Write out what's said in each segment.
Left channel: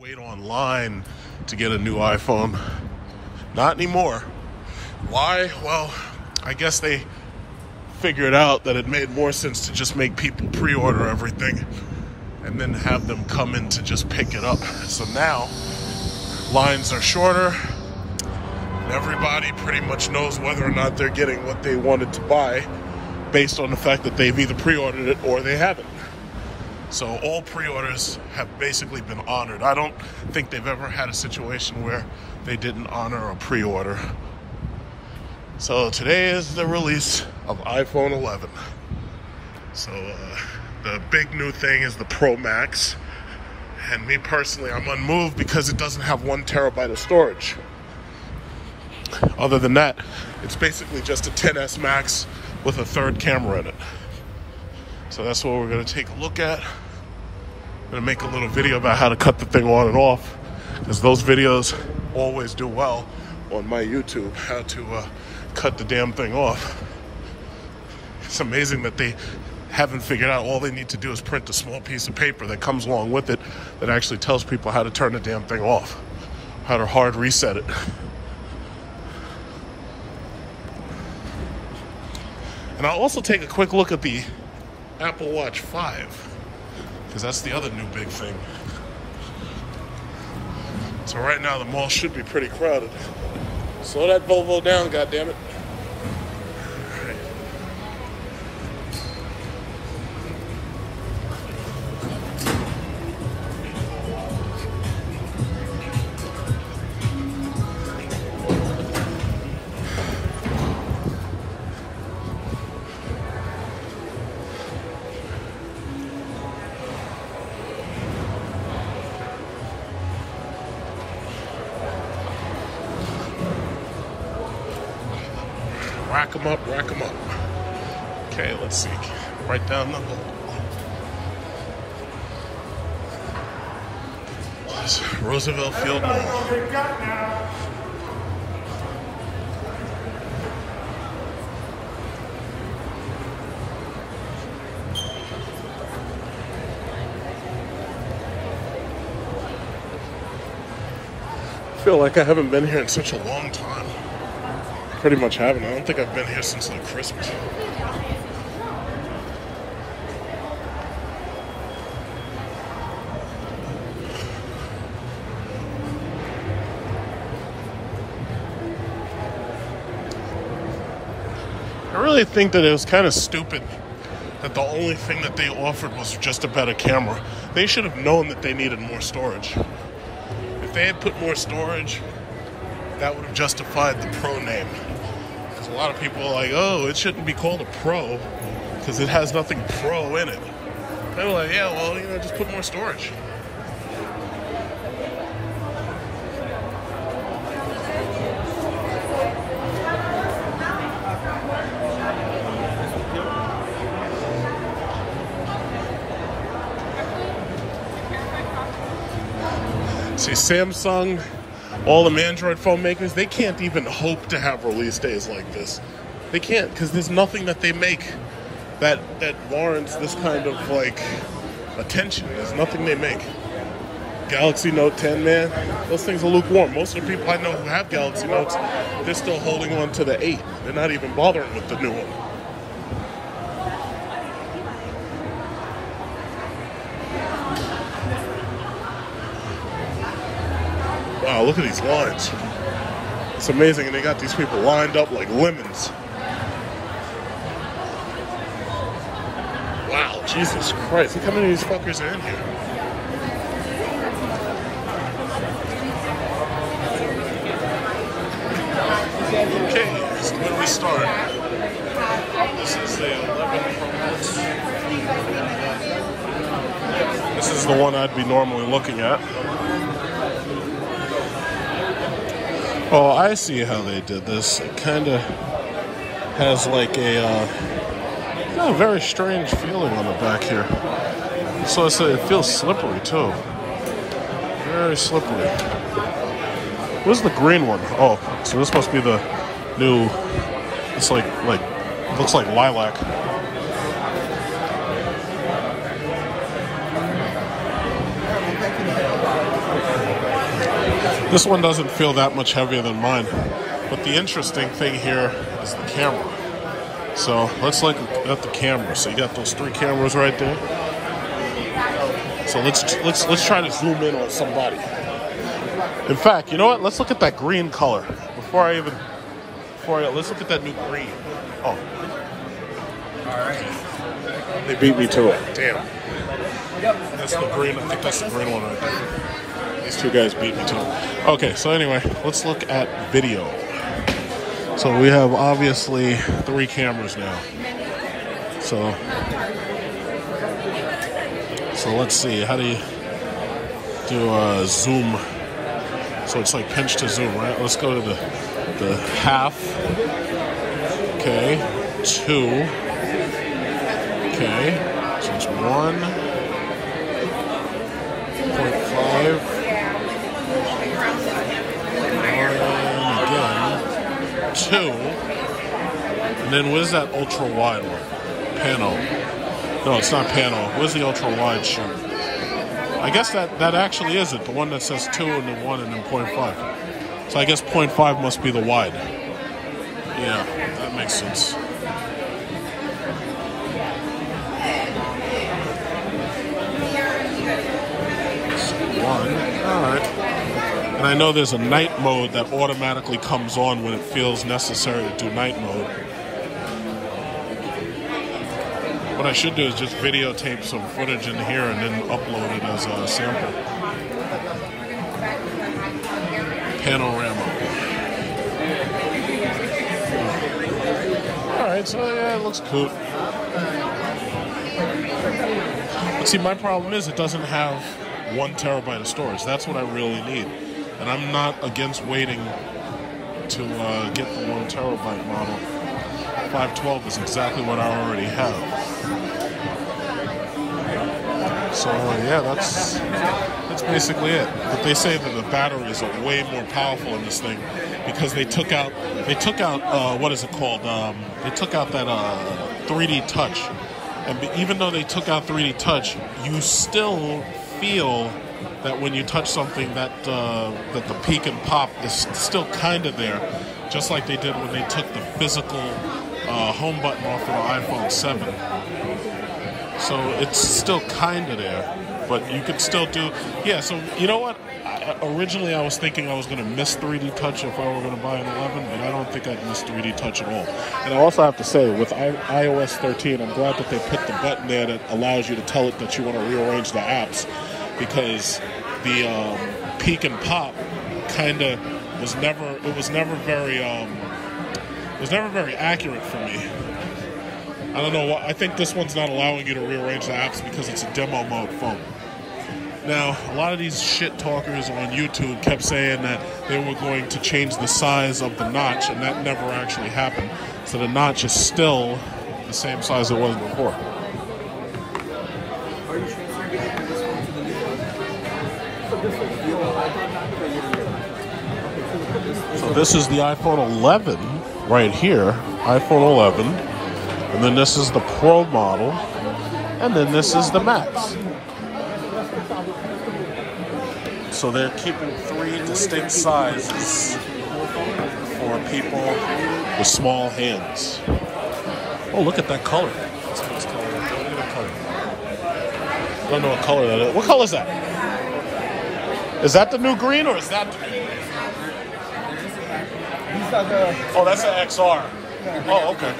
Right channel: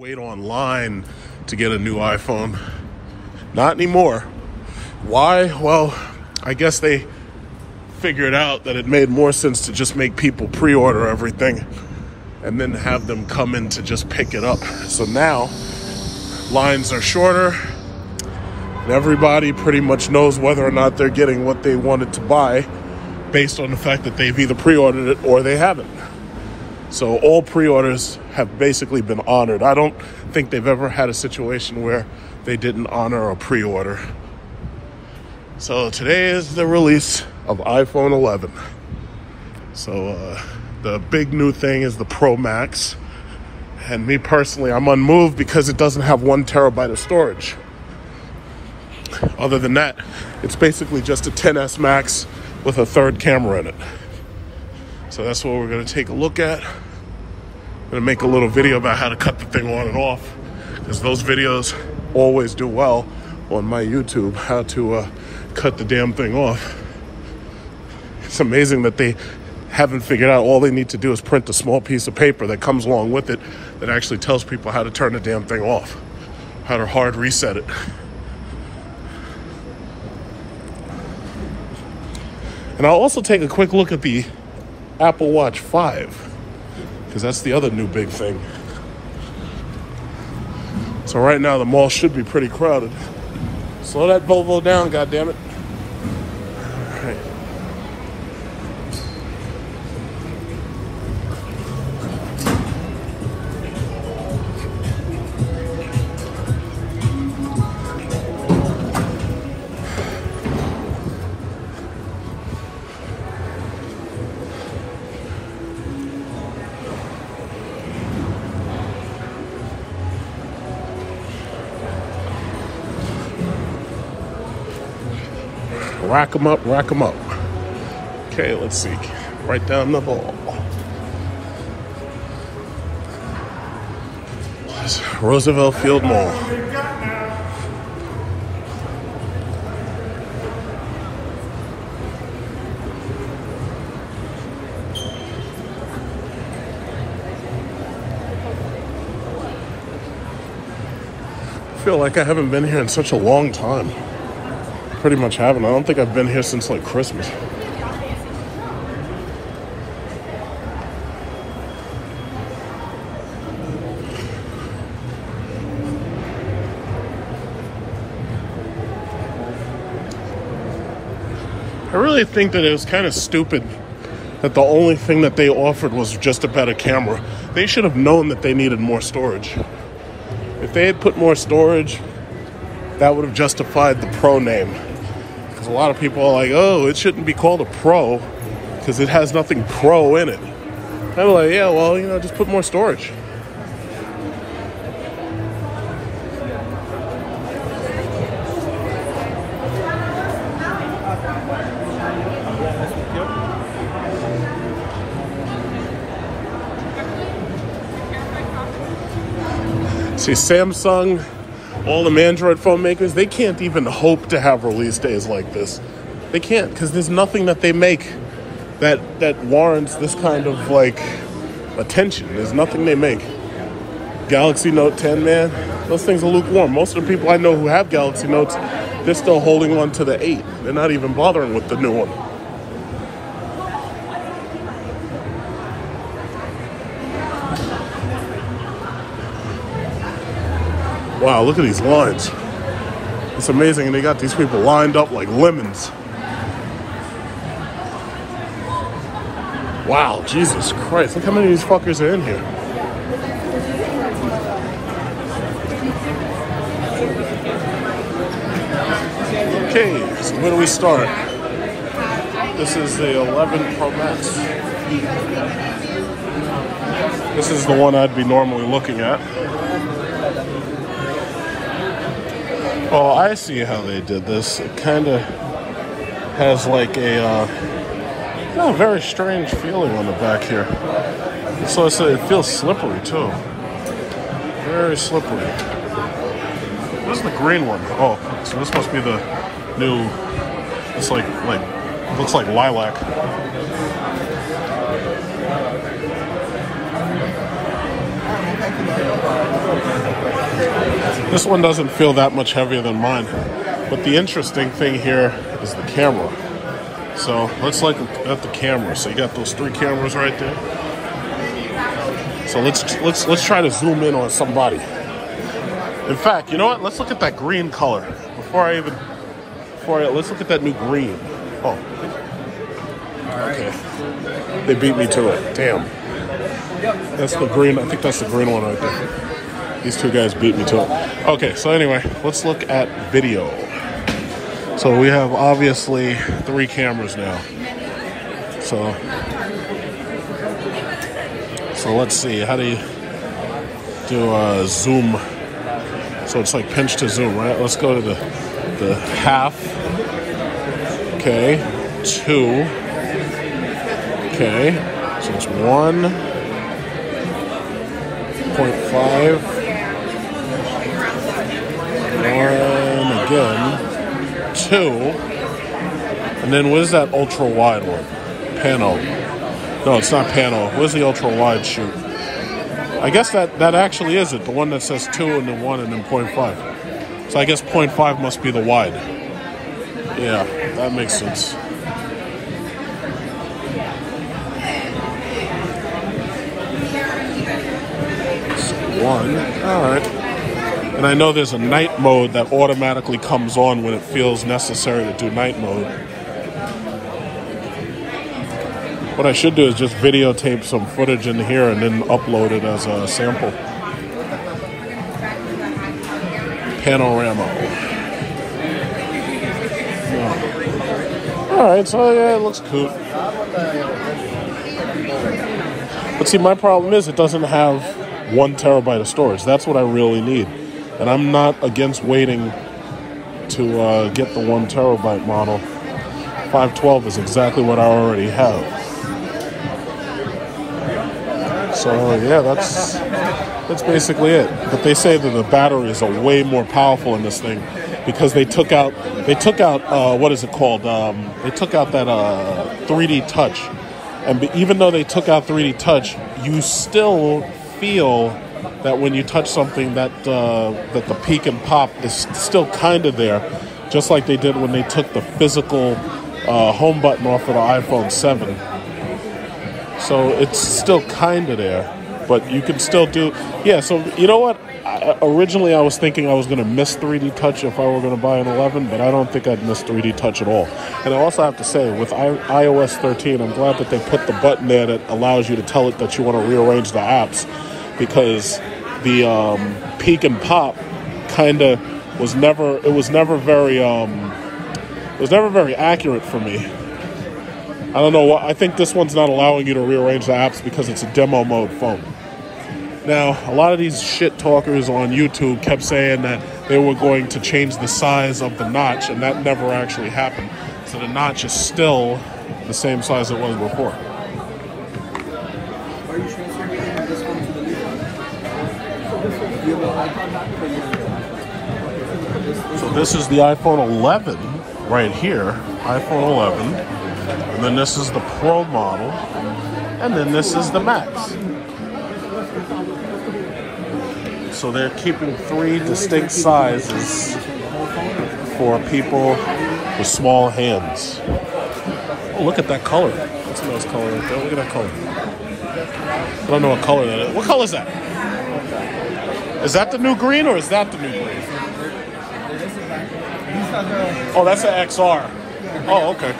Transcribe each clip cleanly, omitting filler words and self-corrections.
Wait online to get a new iPhone. Not anymore. Why? Well, I guess they figured out that it made more sense to just make people pre-order everything and then have them come in to just pick it up. So now lines are shorter and everybody pretty much knows whether or not they're getting what they wanted to buy based on the fact that they've either pre-ordered it or they haven't. So all pre-orders have basically been honored. I don't think they've ever had a situation where they didn't honor a pre-order. So today is the release of iPhone 11. So the big new thing is the Pro Max. And me personally, I'm unmoved because it doesn't have 1 terabyte of storage. Other than that, it's basically just a XS Max with a 3rd camera in it. So that's what we're gonna take a look at. I'm gonna make a little video about how to cut the thing on and off, because those videos always do well on my YouTube, how to cut the damn thing off. It's amazing that they haven't figured out all they need to do is print a small piece of paper that comes along with it that actually tells people how to turn the damn thing off, how to hard reset it. And I'll also take a quick look at the Apple Watch 5, because that's the other new big thing. So right now the mall should be pretty crowded. Slow that Volvo down, goddammit. All right. Rack them up, rack them up. Okay, let's see. Right down the hall. Roosevelt Field Mall. I feel like I haven't been here in such a long time. Pretty much haven't. I don't think I've been here since like Christmas. I really think that it was kind of stupid that the only thing that they offered was just a better camera. They should have known that they needed more storage. If they had put more storage, that would have justified the Pro name. Because a lot of people are like, oh, it shouldn't be called a Pro because it has nothing Pro in it. I'm like, yeah, well, you know, just put more storage. See, Samsung, all the Android phone makers, they can't even hope to have release days like this. They can't, because there's nothing that they make that warrants this kind of like attention. There's nothing they make. Galaxy Note 10, man, those things are lukewarm. Most of the people I know who have Galaxy Notes, they're still holding on to the 8. They're not even bothering with the new one. Wow, look at these lines. It's amazing, and they got these people lined up like lemons. Wow, Jesus Christ, look how many of these fuckers are in here. Okay, so where do we start? This is the 11 Pro Max. This is the one I'd be normally looking at. Oh, I see how they did this. It kind of has like a very strange feeling on the back here. So it feels slippery too. Very slippery. Where's the green one? Oh, so this must be the new. It's like looks like lilac. This one doesn't feel that much heavier than mine. But the interesting thing here is the camera. So let's look at the camera. So you got those 3 cameras right there. So let's try to zoom in on somebody. In fact, you know what? Let's look at that green color. Let's look at that new green. Oh. Okay. They beat me to it. Damn. That's the green. I think that's the green one right there. These 2 guys beat me to it. Okay, so anyway, let's look at video. So we have obviously 3 cameras now. So let's see. How do you do zoom? So it's like pinch to zoom, right? Let's go to the half. Okay, 2. Okay, so it's 1.5. 1 again. 2. And then where's that ultra wide one? Pano. No, it's not Pano. Where's the ultra wide shoot? I guess that actually is it. The one that says 2 and then 1 and then 0.5. So I guess 0.5 must be the wide. Yeah, that makes sense. One. Alright. And I know there's a night mode that automatically comes on when it feels necessary to do night mode. What I should do is just videotape some footage in here and then upload it as a sample. Panorama. Wow. Alright, so yeah, it looks cool. But see, my problem is it doesn't have 1 terabyte of storage. That's what I really need. And I'm not against waiting to get the 1 terabyte model. 512 is exactly what I already have. So yeah, that's basically it. But they say that the batteries are way more powerful in this thing because they took out what is it called? They took out that 3D touch. And even though they took out 3D touch, you still feel that when you touch something that the peak and pop is still kind of there, just like they did when they took the physical home button off of the iPhone 7. So it's still kind of there, but you can still do, yeah, so you know what? Originally I was thinking I was going to miss 3D touch if I were going to buy an 11, but I don't think I'd miss 3D touch at all. And I also have to say, with iOS 13, I'm glad that they put the button there that allows you to tell it that you want to rearrange the apps, because the peak and pop kind of was never very accurate for me. I don't know what, I think this one's not allowing you to rearrange the apps because it's a demo mode phone. Now, a lot of these shit talkers on YouTube kept saying that they were going to change the size of the notch, and that never actually happened. So the notch is still the same size it was before. So this is the iPhone 11 right here, iPhone 11. And then this is the Pro model. And then this is the Max. So they're keeping 3 distinct sizes for people with small hands. Oh, look at that color. That's a nice color right there. Look at that color. I don't know what color that is. What color is that? Is that the new green or is that the new green? Oh, that's an XR. Oh, okay.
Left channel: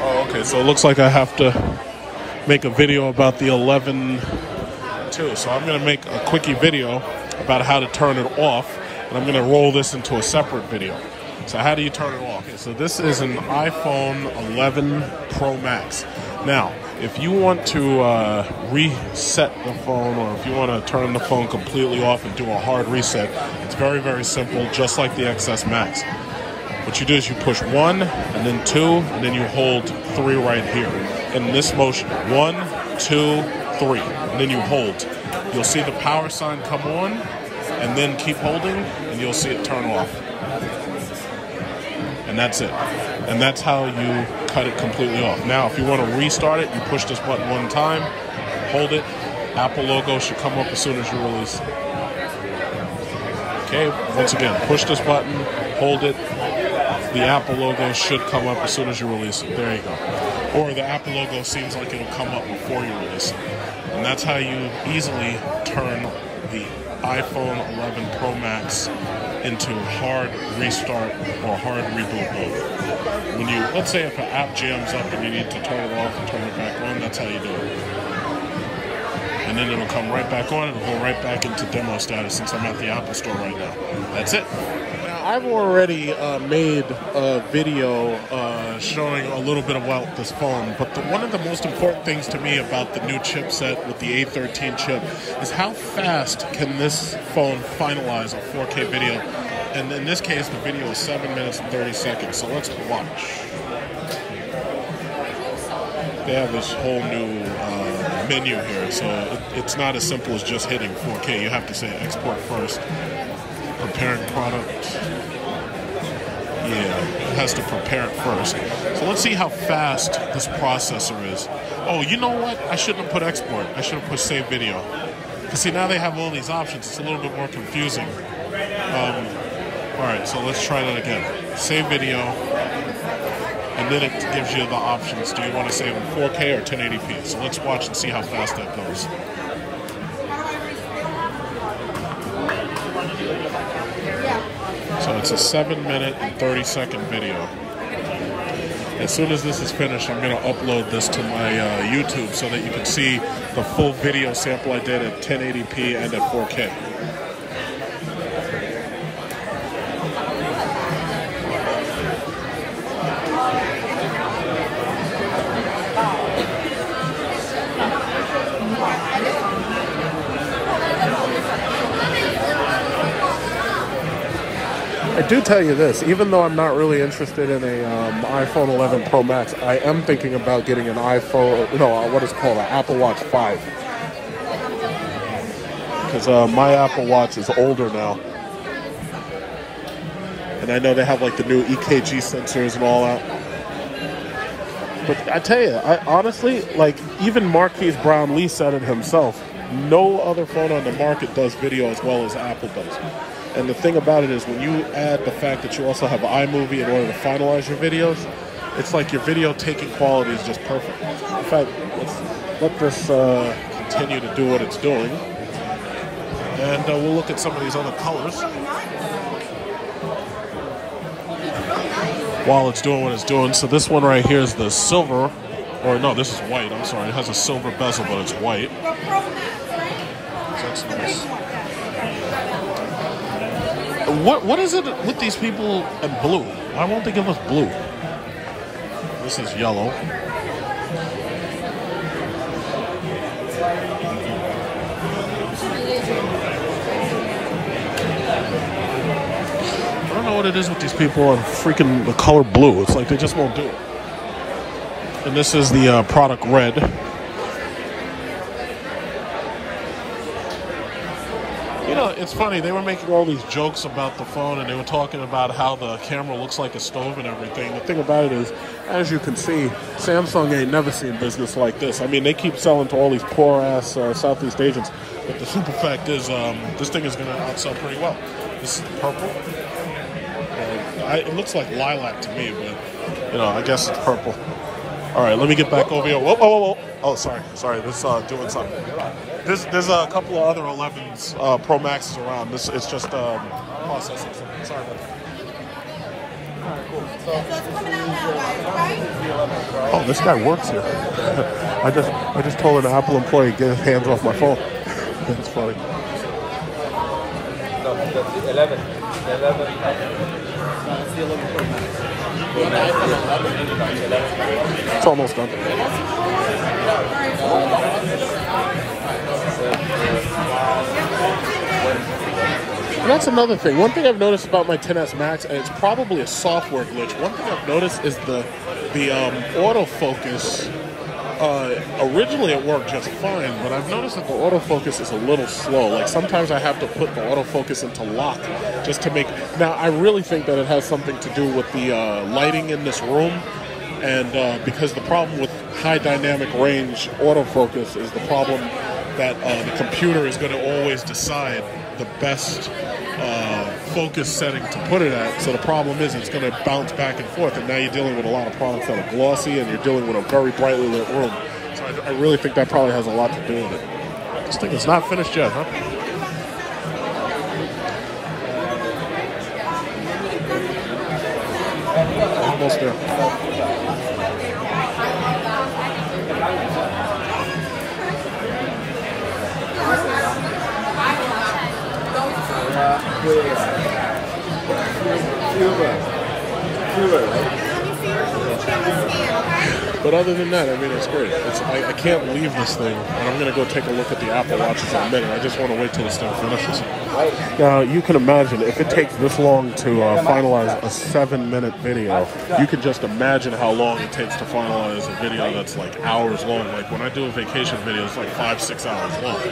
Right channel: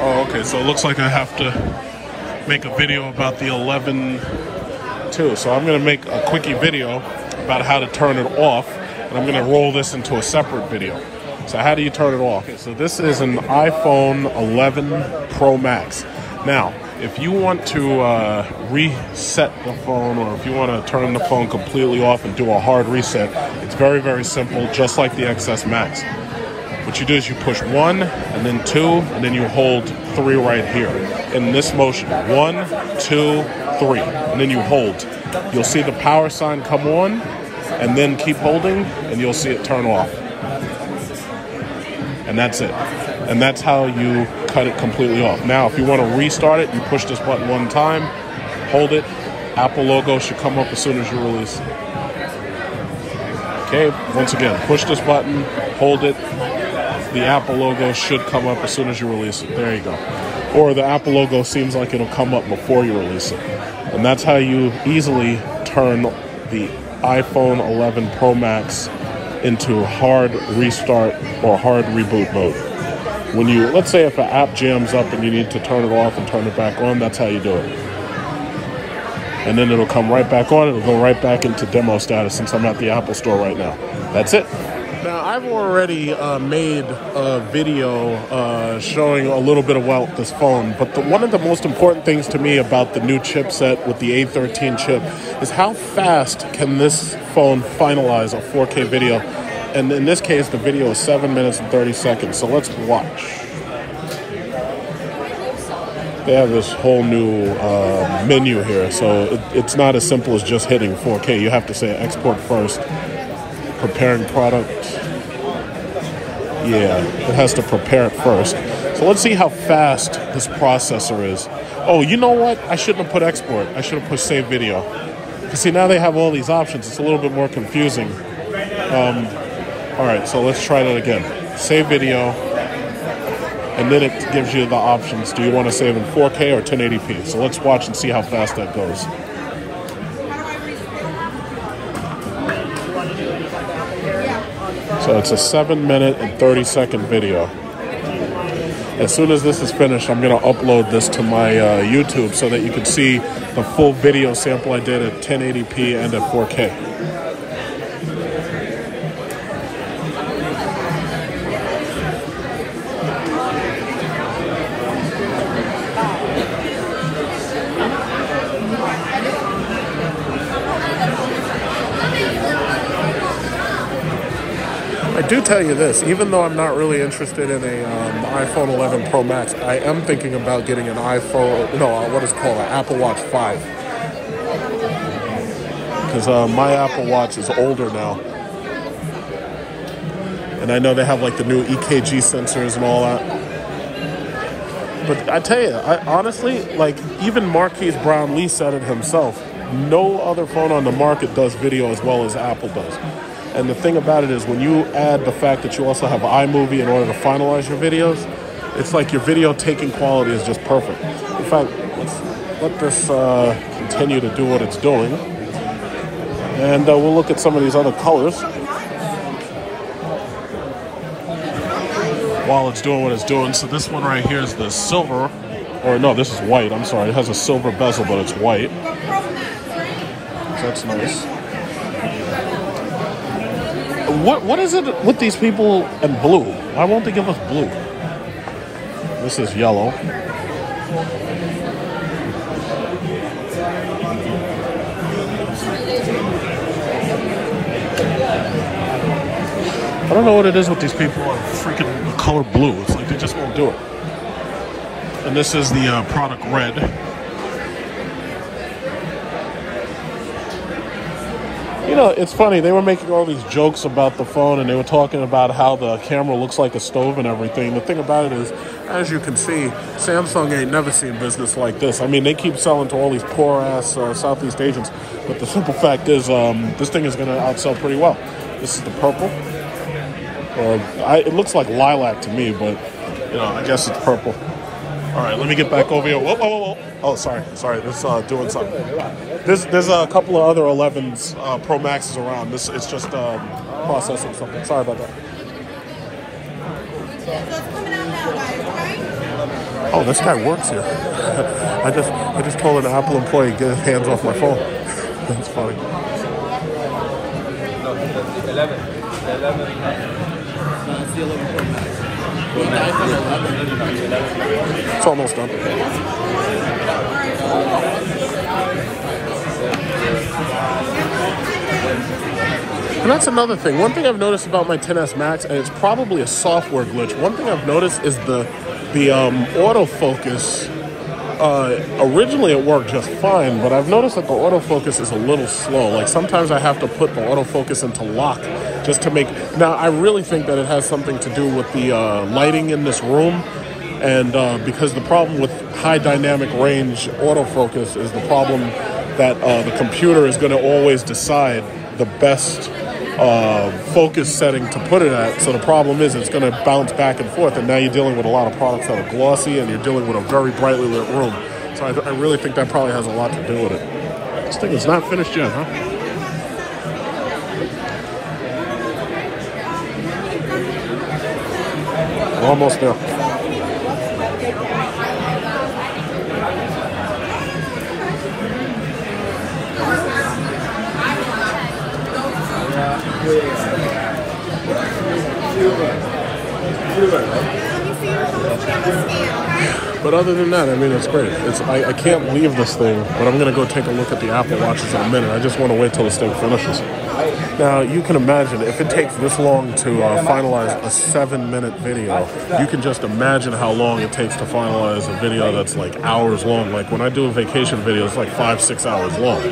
Oh, okay. So it looks like I have to make a video about the 11 too. So I'm going to make a quickie video about how to turn it off, and I'm going to roll this into a separate video. So how do you turn it off? Okay, so this is an iPhone 11 Pro Max. Now, if you want to reset the phone, or if you want to turn the phone completely off and do a hard reset, it's very, very simple, just like the XS Max. What you do is you push 1, and then 2, and then you hold 3 right here in this motion. 1, 2, 3, and then you hold. You'll see the power sign come on, and then keep holding, and you'll see it turn off. And that's it. And that's how you cut it completely off. Now, if you want to restart it, you push this button 1 time, hold it, Apple logo should come up as soon as you release it. Okay, once again, push this button, hold it. The Apple logo should come up as soon as you release it. There you go. Or the Apple logo seems like it'll come up before you release it. And that's how you easily turn the iPhone 11 Pro Max into hard restart or hard reboot mode. When you, let's say if an app jams up and you need to turn it off and turn it back on, that's how you do it. And then it'll come right back on. It'll go right back into demo status since I'm at the Apple store right now. That's it. Now, I've already made a video showing a little bit about this phone, but one of the most important things to me about the new chipset with the A13 chip is how fast can this phone finalize a 4K video. And in this case, the video is 7 minutes and 30 seconds. So let's watch. They have this whole new menu here, so it's not as simple as just hitting 4K. You have to say export first, preparing product. Yeah, it has to prepare it first. So let's see how fast this processor is. Oh, you know what? I shouldn't have put export. I should have put save video. Because see, now they have all these options. It's a little bit more confusing. All right, so let's try that again. Save video. And then it gives you the options. Do you want to save in 4K or 1080p? So let's watch and see how fast that goes. So it's a 7 minute and 30 second video. As soon as this is finished, I'm going to upload this to my YouTube so that you can see the full video sample I did at 1080p and at 4K. Tell you this, even though I'm not really interested in a iPhone 11 Pro Max, I am thinking about getting an what is called an Apple Watch 5. Because my Apple Watch is older now. And I know they have like the new EKG sensors and all that. But I tell you, honestly, like even Marquise Brownlee said it himself, no other phone on the market does video as well as Apple does. And the thing about it is when you add the fact that you also have iMovie in order to finalize your videos, it's like your video taking quality is just perfect. In fact, let this continue to do what it's doing. And we'll look at some of these other colors while it's doing what it's doing. So this one right here is the silver, or no, this is white, I'm sorry. It has a silver bezel, but it's white. So that's nice. What is it with these people and blue? Why won't they give us blue? This is yellow. I don't know what it is with these people and freaking the color blue. It's like they just won't do it. And this is the product red. You know, it's funny, they were making all these jokes about the phone and they were talking about how the camera looks like a stove and everything. The thing about it is, as you can see, Samsung ain't never seen business like this. I mean, they keep selling to all these poor-ass Southeast Asians, but the simple fact is, this thing is going to outsell pretty well. This is the purple. It looks like lilac to me, but, you know, I guess it's purple. All right, let me get back over here. Whoa, whoa, whoa, whoa. Oh, sorry. This is doing something. There's a couple of other 11s Pro Maxes around. It's just processing something. Sorry about that. Oh, this guy works here. I just told an Apple employee to get his hands off my phone. That's funny. It's almost done. And that's another thing. One thing I've noticed about my 10S Max, and it's probably a software glitch, one thing I've noticed is the autofocus. Originally it worked just fine, but I've noticed that the autofocus is a little slow. Like sometimes I have to put the autofocus into lock just to make... Now, I really think that it has something to do with the lighting in this room. And because the problem with high dynamic range autofocus is the problem that the computer is going to always decide the best focus setting to put it at. So the problem is it's going to bounce back and forth, and now you're dealing with a lot of products that are glossy, and you're dealing with a very brightly lit room. So I really think that probably has a lot to do with it. This thing is not finished yet, huh? We're almost there. But other than that, I mean, it's great. I can't leave this thing, but I'm going to go take a look at the Apple Watches in a minute. I just want to wait till this thing finishes. Now, you can imagine, if it takes this long to finalize a 7-minute video, you can just imagine how long it takes to finalize a video that's like hours long. Like when I do a vacation video, it's like 5-6 hours long.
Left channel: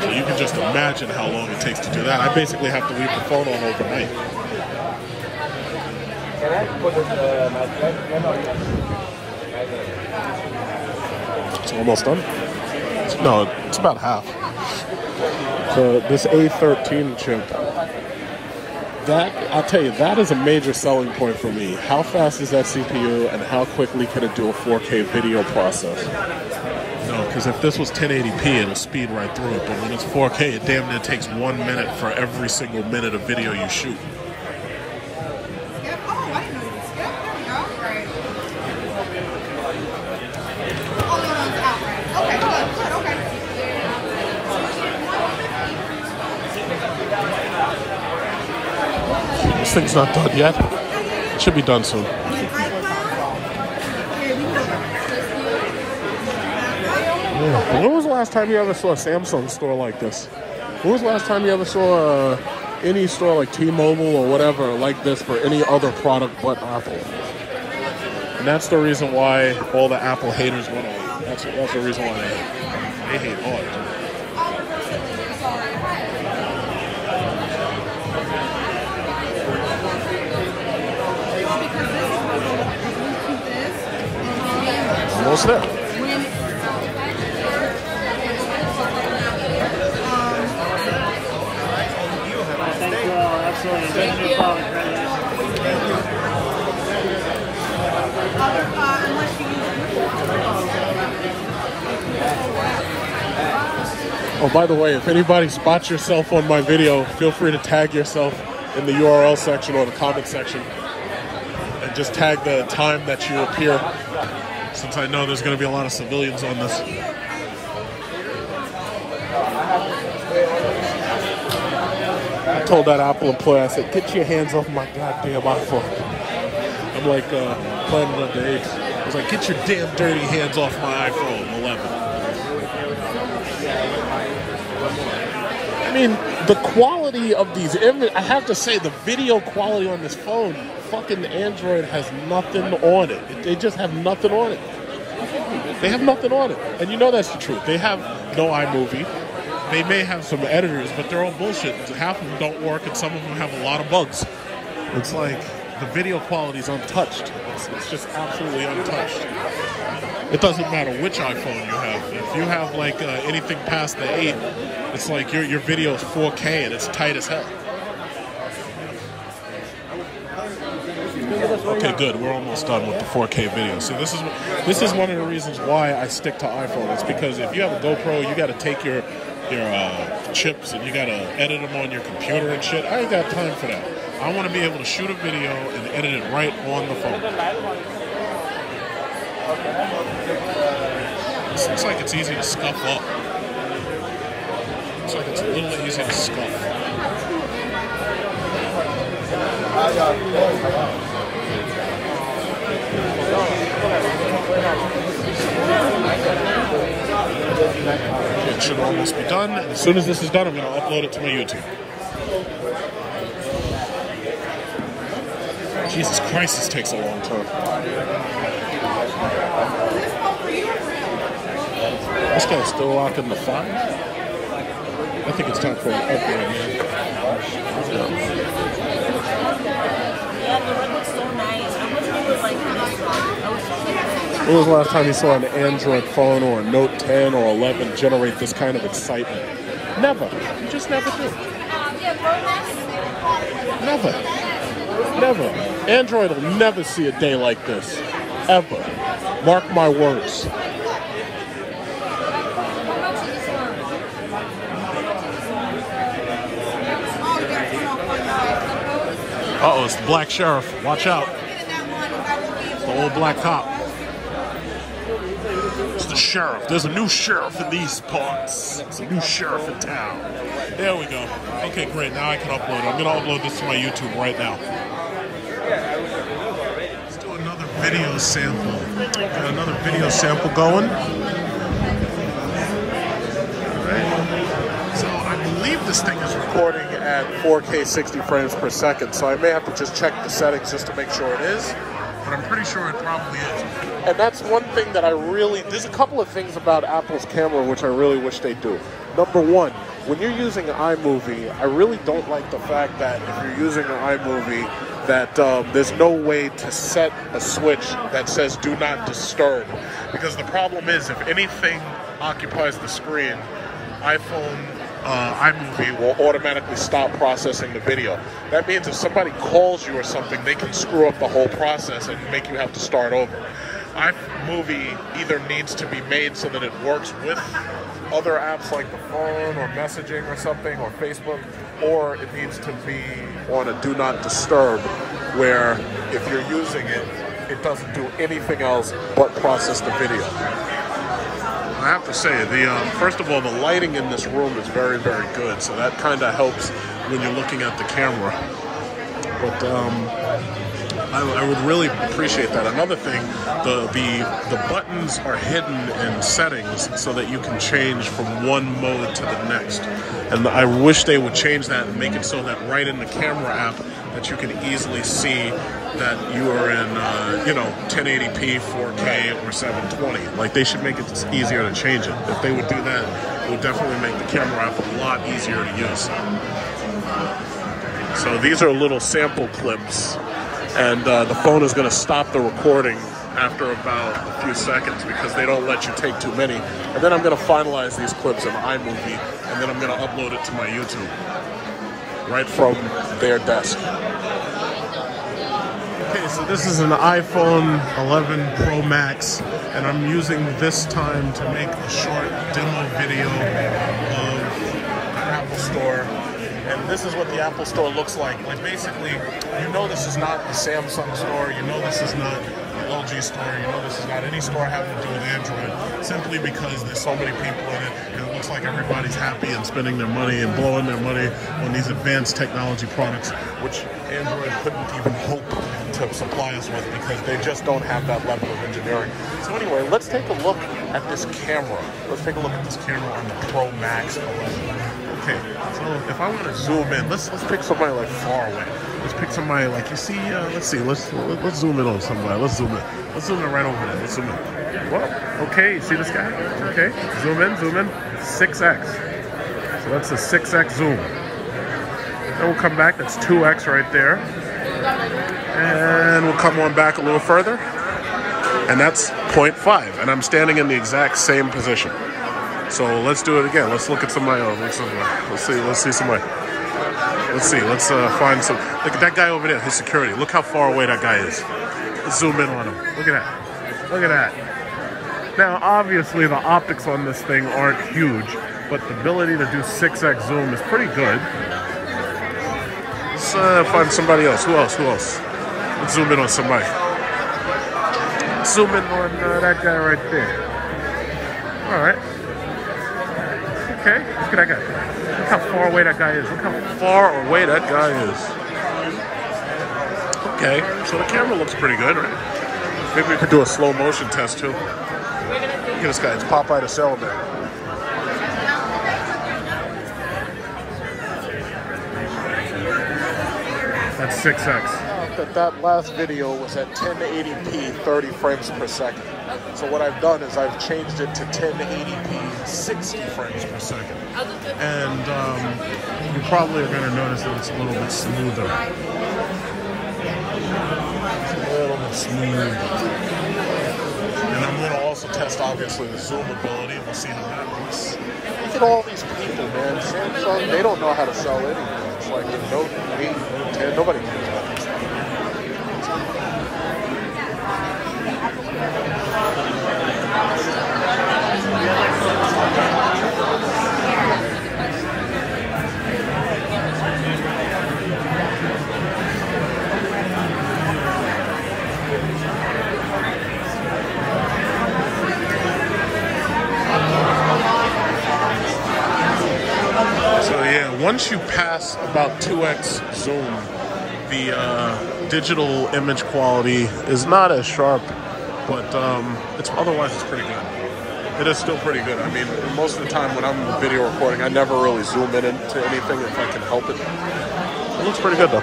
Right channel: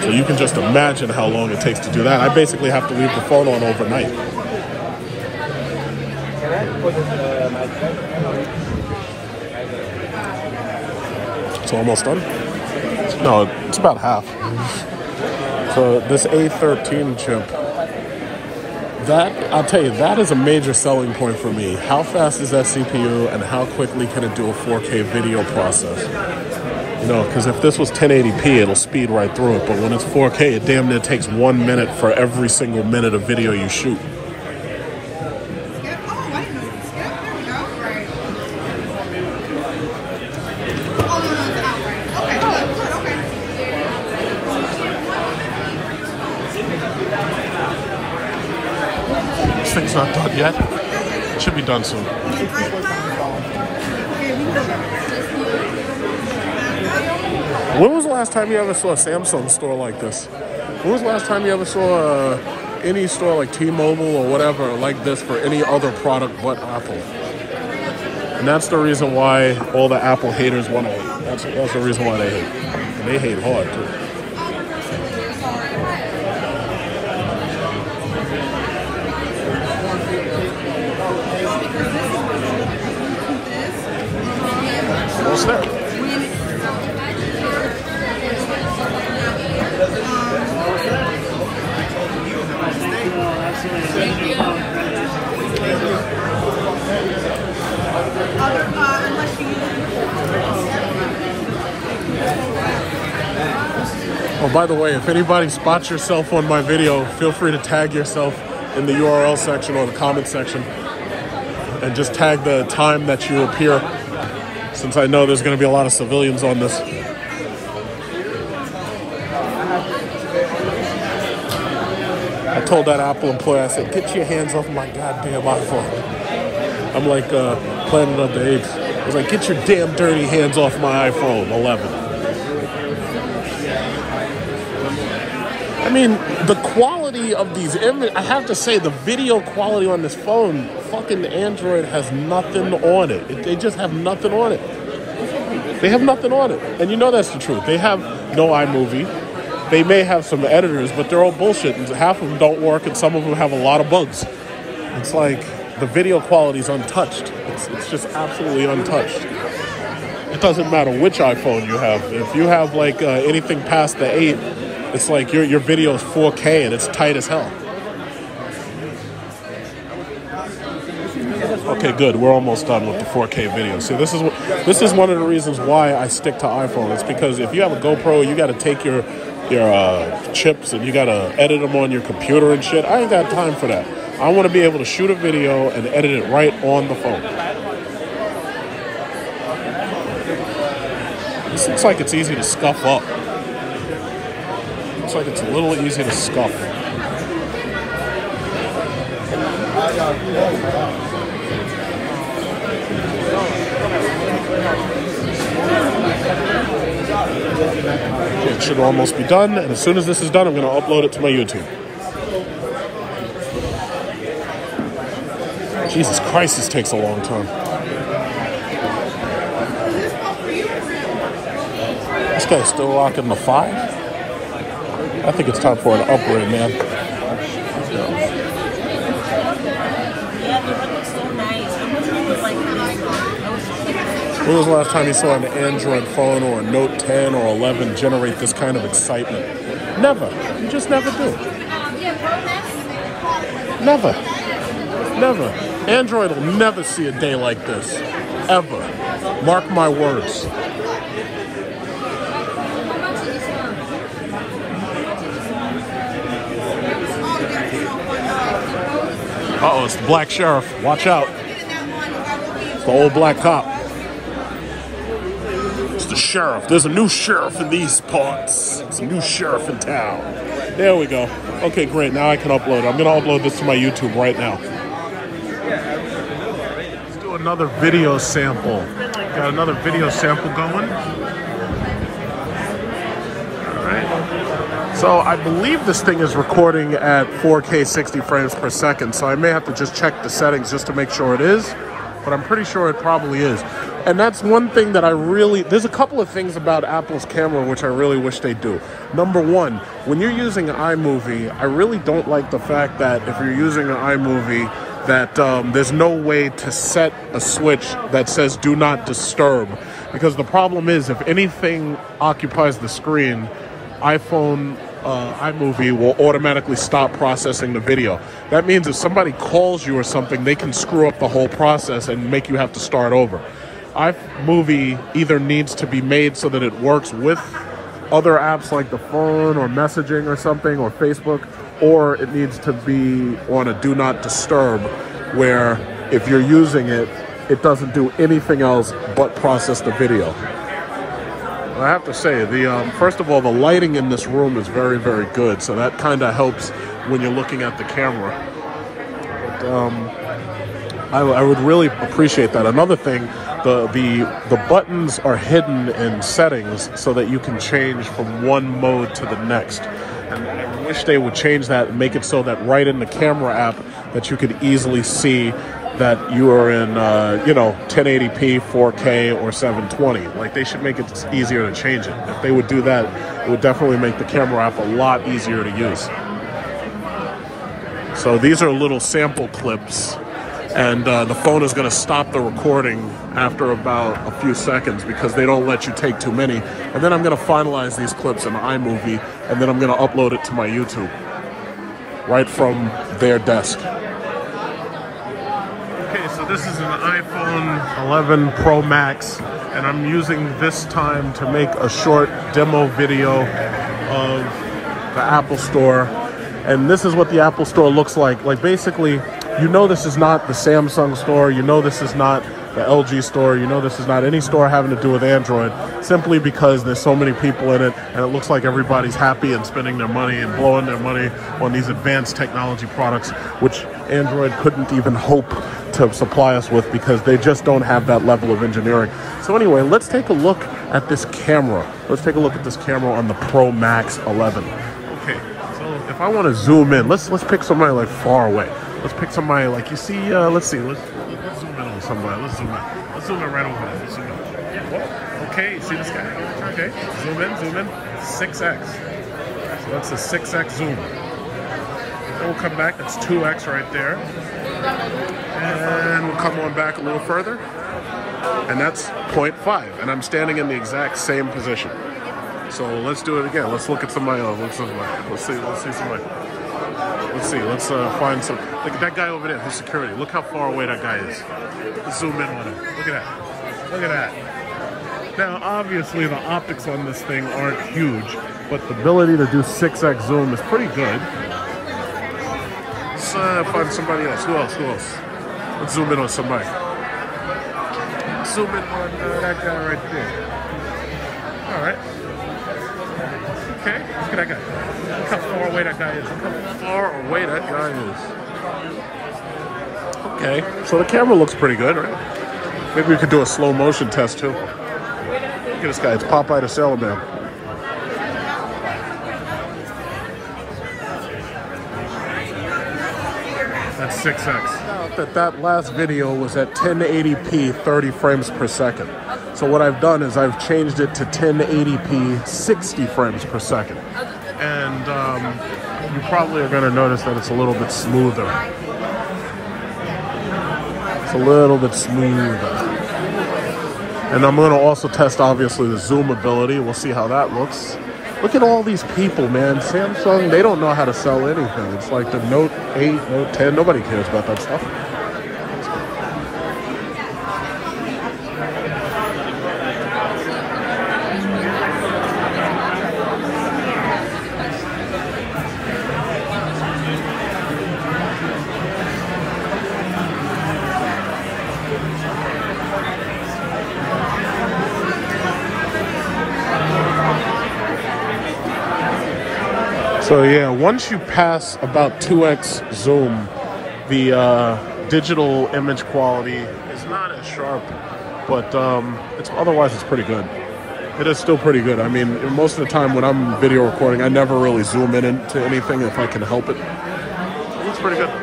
So you can just imagine how long it takes to do that. I basically have to leave the phone on overnight. It's almost done. No, it's about half. So this A13 chip, that, I'll tell you, that is a major selling point for me. How fast is that CPU and how quickly can it do a 4K video process? You know, because if this was 1080p, it'll speed right through it. But when it's 4K, it damn near takes 1 minute for every single minute of video you shoot. This thing's not done yet. It should be done soon. When was the last time you ever saw a Samsung store like this? When was the last time you ever saw any store like T-Mobile or whatever like this for any other product but Apple? And that's the reason why all the Apple haters want to hate. That's the reason why they hate. And they hate hard too. Almost there. Oh, by the way, if anybody spots yourself on my video, feel free to tag yourself in the URL section or the comment section and just tag the time that you appear, since I know there's going to be a lot of civilians on this. I told that Apple employee, I said, get your hands off my goddamn iPhone. I'm like Planet of the Apes. I was like, get your damn dirty hands off my iPhone 11. I mean, the quality of these images, I have to say, the video quality on this phone, fucking Android has nothing on it. They just have nothing on it. They have nothing on it. And you know that's the truth. They have no iMovie. They may have some editors, but they're all bullshit. And half of them don't work, and some of them have a lot of bugs. It's like the video quality is untouched. It's just absolutely untouched. It doesn't matter which iPhone you have. If you have like anything past the 8, it's like your video is 4K and it's tight as hell. Okay, good. We're almost done with the 4K video. See, this is one of the reasons why I stick to iPhone. It's because if you have a GoPro, you got to take your chips and you got to edit them on your computer and shit. I ain't got time for that. I want to be able to shoot a video and edit it right on the phone. This looks like it's easy to scuff up. Looks like it's a little easy to scuff. It should almost be done, and as soon as this is done, I'm going to upload it to my YouTube. Jesus Christ, this takes a long time. This guy's still rocking the 5? I think it's time for an upgrade, man. Yeah, the red looks so nice. How much was like this one? I was just like, When was the last time you saw an Android phone or a Note 10 or 11 generate this kind of excitement? Never. You just never do. Never. Never. Android will never see a day like this. Ever. Mark my words. Uh-oh, it's the black sheriff. Watch out. It's the old black cop. It's the sheriff. There's a new sheriff in these parts. It's a new sheriff in town. There we go. Okay, great. Now I can upload it. I'm going to upload this to my YouTube right now. Let's do another video sample. Got another video sample going. All right. So I believe this thing is recording at 4K 60 frames per second. So I may have to just check the settings just to make sure it is. But I'm pretty sure it probably is. And that's one thing that there's a couple of things about Apple's camera which I really wish they do. Number one, when you're using iMovie, I really don't like the fact that if you're using an iMovie, that there's no way to set a switch that says do not disturb. Because the problem is, if anything occupies the screen, iPhone iMovie will automatically stop processing the video. That means if somebody calls you or something, they can screw up the whole process and make you have to start over. iMovie either needs to be made so that it works with other apps like the phone or messaging or something or Facebook, or it needs to be on a do not disturb where if you're using it, it doesn't do anything else but process the video. I have to say, first of all, the lighting in this room is very, very good, so that kind of helps when you're looking at the camera. But I would really appreciate that. Another thing, the buttons are hidden in settings so that you can change from one mode to the next. And I wish they would change that and make it so that right in the camera app that you could easily see that you are in, 1080p, 4K, or 720. Like, they should make it easier to change it. If they would do that, it would definitely make the camera app a lot easier to use. So these are little sample clips, and the phone is going to stop the recording after about a few seconds because they don't let you take too many. And then I'm going to finalize these clips in iMovie, and then I'm going to upload it to my YouTube right from their desk. Okay, so this is an iPhone 11 Pro Max, and I'm using this time to make a short demo video of the Apple Store. And this is what the Apple Store looks like. Like, basically, you know this is not the Samsung store, you know this is not the LG store, you know this is not any store having to do with Android, simply because there's so many people in it, and it looks like everybody's happy and spending their money and blowing their money on these advanced technology products, which Android couldn't even hope to supply us with because they just don't have that level of engineering. So anyway, let's take a look at this camera. Let's take a look at this camera on the Pro Max 11. Okay, so if I want to zoom in, let's pick somebody like far away. Let's pick somebody like, you see, let's zoom in on somebody. Let's zoom in right over there. Let's zoom in. Well, okay, you see this guy? Okay, zoom in, 6x. So that's a 6x zoom. Then we'll come back, that's 2x right there. And we'll come on back a little further, and that's 0.5, and I'm standing in the exact same position. So let's do it again. Let's look at somebody else. Let's see somebody. Let's find some. Look at that guy over there, who's security. Look how far away that guy is. Let's zoom in on him. Look at that. Now, obviously, the optics on this thing aren't huge, but the ability to do 6x zoom is pretty good. Let's find somebody else. Who else? Let's zoom in on somebody. Zoom in on that guy right there. All right. Okay, look at that guy. Look how far away that guy is. Okay, so the camera looks pretty good, right? Maybe we could do a slow motion test too. Look at this guy, it's Popeye the Sailor. That's 6x. That last video was at 1080p 30 frames per second. So what I've done is I've changed it to 1080p 60 frames per second. And you probably are going to notice that it's a little bit smoother. It's a little bit smoother. And I'm going to also test, obviously, the zoom ability. We'll see how that looks. Look at all these people, man. Samsung, they don't know how to sell anything. It's like the Note 8, Note 10. Nobody cares about that stuff. So yeah, once you pass about 2x zoom, the digital image quality is not as sharp, but otherwise it's pretty good. It is still pretty good. I mean, most of the time when I'm video recording, I never really zoom in into anything if I can help it. It looks pretty good though.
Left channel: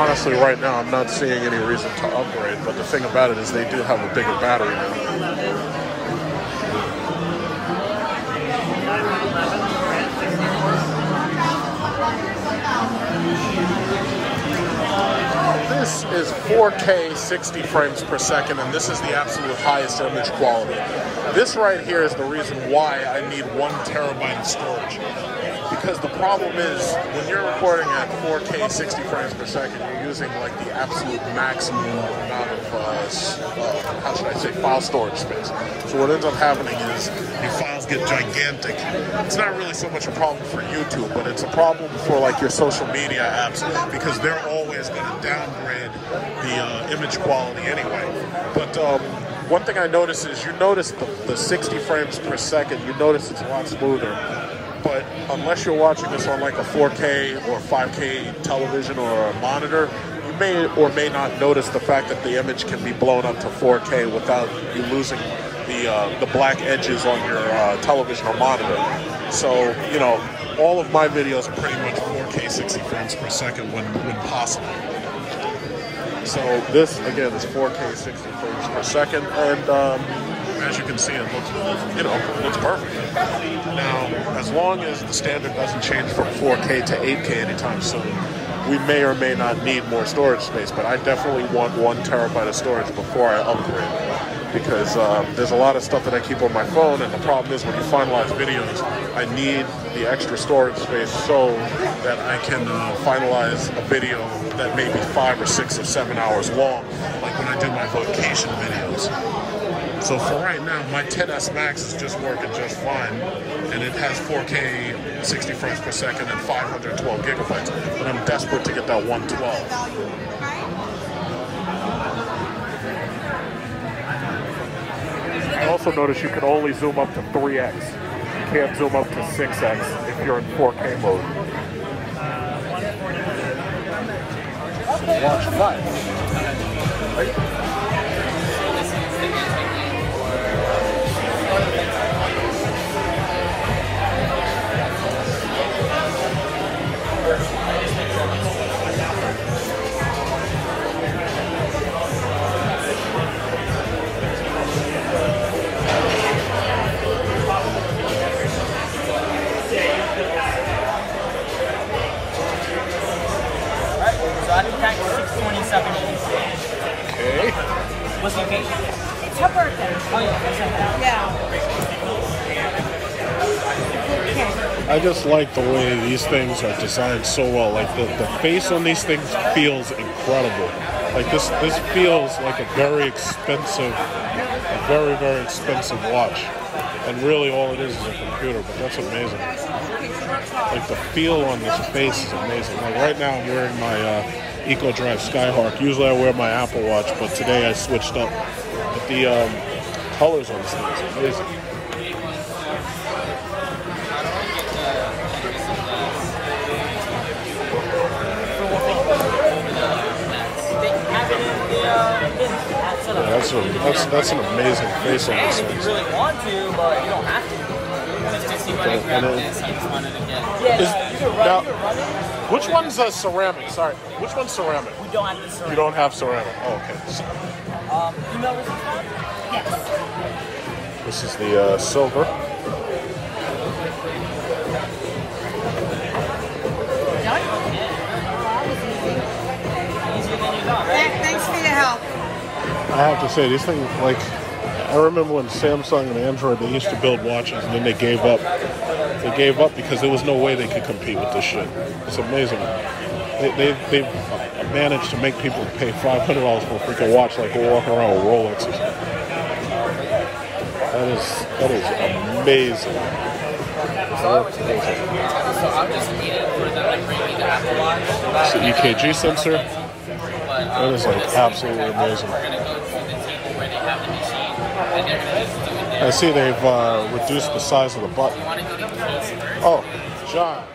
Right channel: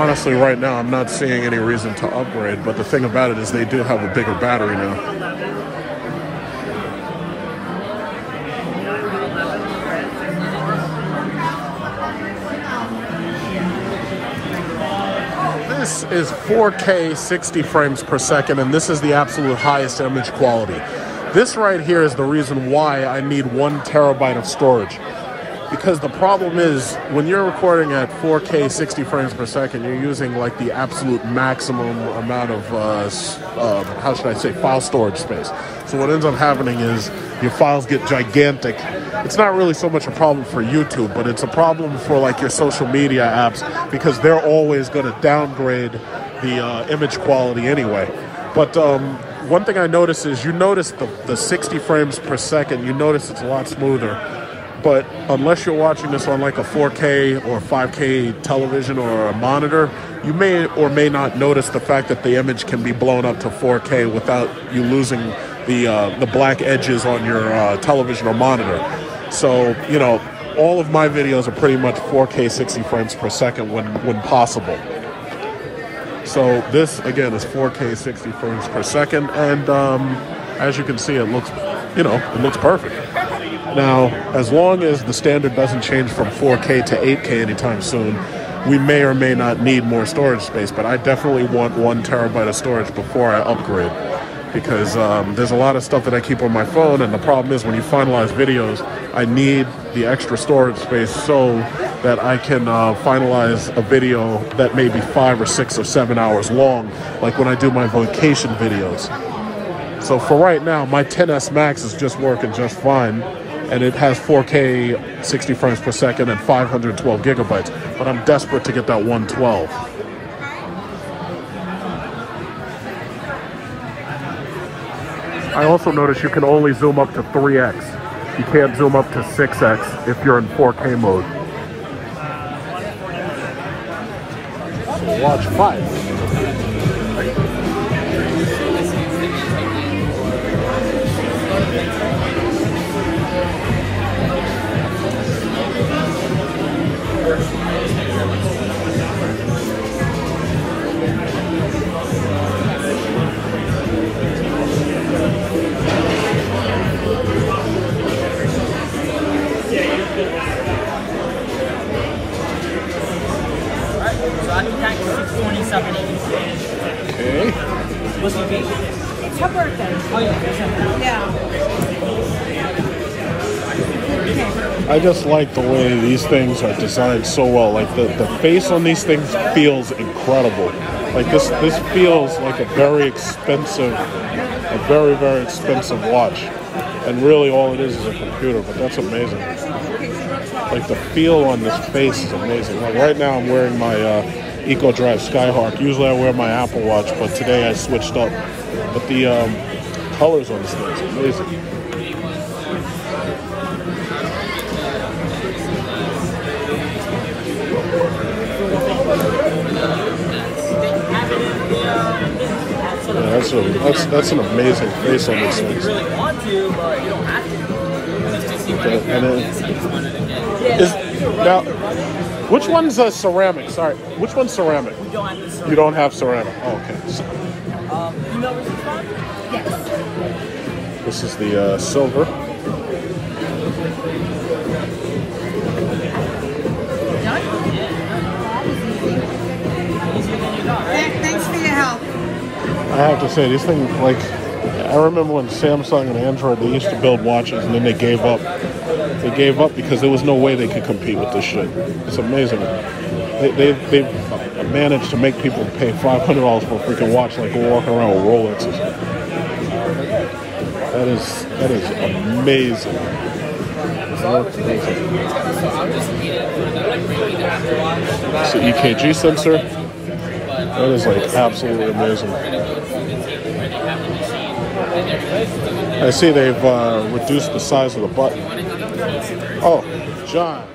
Honestly, right now I'm not seeing any reason to upgrade, but the thing about it is they do have a bigger battery in. This is 4K 60 frames per second, and this is the absolute highest image quality. This right here is the reason why I need 1 terabyte of storage. Because the problem is, when you're recording at 4K 60 frames per second, you're using like the absolute maximum amount of, how should I say, file storage space. So what ends up happening is your files get gigantic. It's not really so much a problem for YouTube, but it's a problem for like your social media apps, because they're always going to downgrade the image quality anyway. But one thing I notice is, you notice the 60 frames per second, you notice it's a lot smoother. But unless you're watching this on like a 4K or 5K television or a monitor, you may or may not notice the fact that the image can be blown up to 4K without you losing the black edges on your television or monitor. So, you know, all of my videos are pretty much 4K 60 frames per second when possible. So this, again, is 4K 60 frames per second, and as you can see, it looks, you know, it looks perfect. Now, as long as the standard doesn't change from 4K to 8K anytime soon, we may or may not need more storage space, but I definitely want 1 terabyte of storage before I upgrade, because there's a lot of stuff that I keep on my phone, and the problem is when you finalize videos, I need the extra storage space so that I can finalize a video that may be 5 or 6 or 7 hours long, like when I do my vacation videos. So for right now, my XS Max is just working just fine, and it has 4K 60 frames per second and 512 gigabytes, but I'm desperate to get that 112. I also noticed you can only zoom up to 3x. You can't zoom up to 6x if you're in 4K mode. Watch 5. Okay. What's your occasion? It's your birthday. Oh yeah. Yeah. I just like the way these things are designed so well. Like the face on these things feels incredible. Like this feels like a very expensive, very expensive watch. And really all it is a computer, but that's amazing. Like the feel on this face is amazing. Like right now I'm wearing my Eco Drive Skyhawk. Usually I wear my Apple Watch, but today I switched up. But the colors on this thing is amazing. Yeah, that's an amazing face on this thing. You really want to, but you don't have to. Now, which one's ceramic? Sorry, which one's ceramic? We don't have this. You don't have ceramic. Oh, okay. You know this one? Yes. This is the silver. Easier than you thought, right? Thanks for your help. have to say, this thing, like, I remember when Samsung and Android, they used to build watches and then they gave up. They gave up because there was no way they could compete with this shit. It's amazing. They've managed to make people pay $500 for a freaking watch like we're walking around with Rolexes. That is amazing. It's the EKG sensor. That is like absolutely amazing. I see they've reduced the size of the button. Oh, John.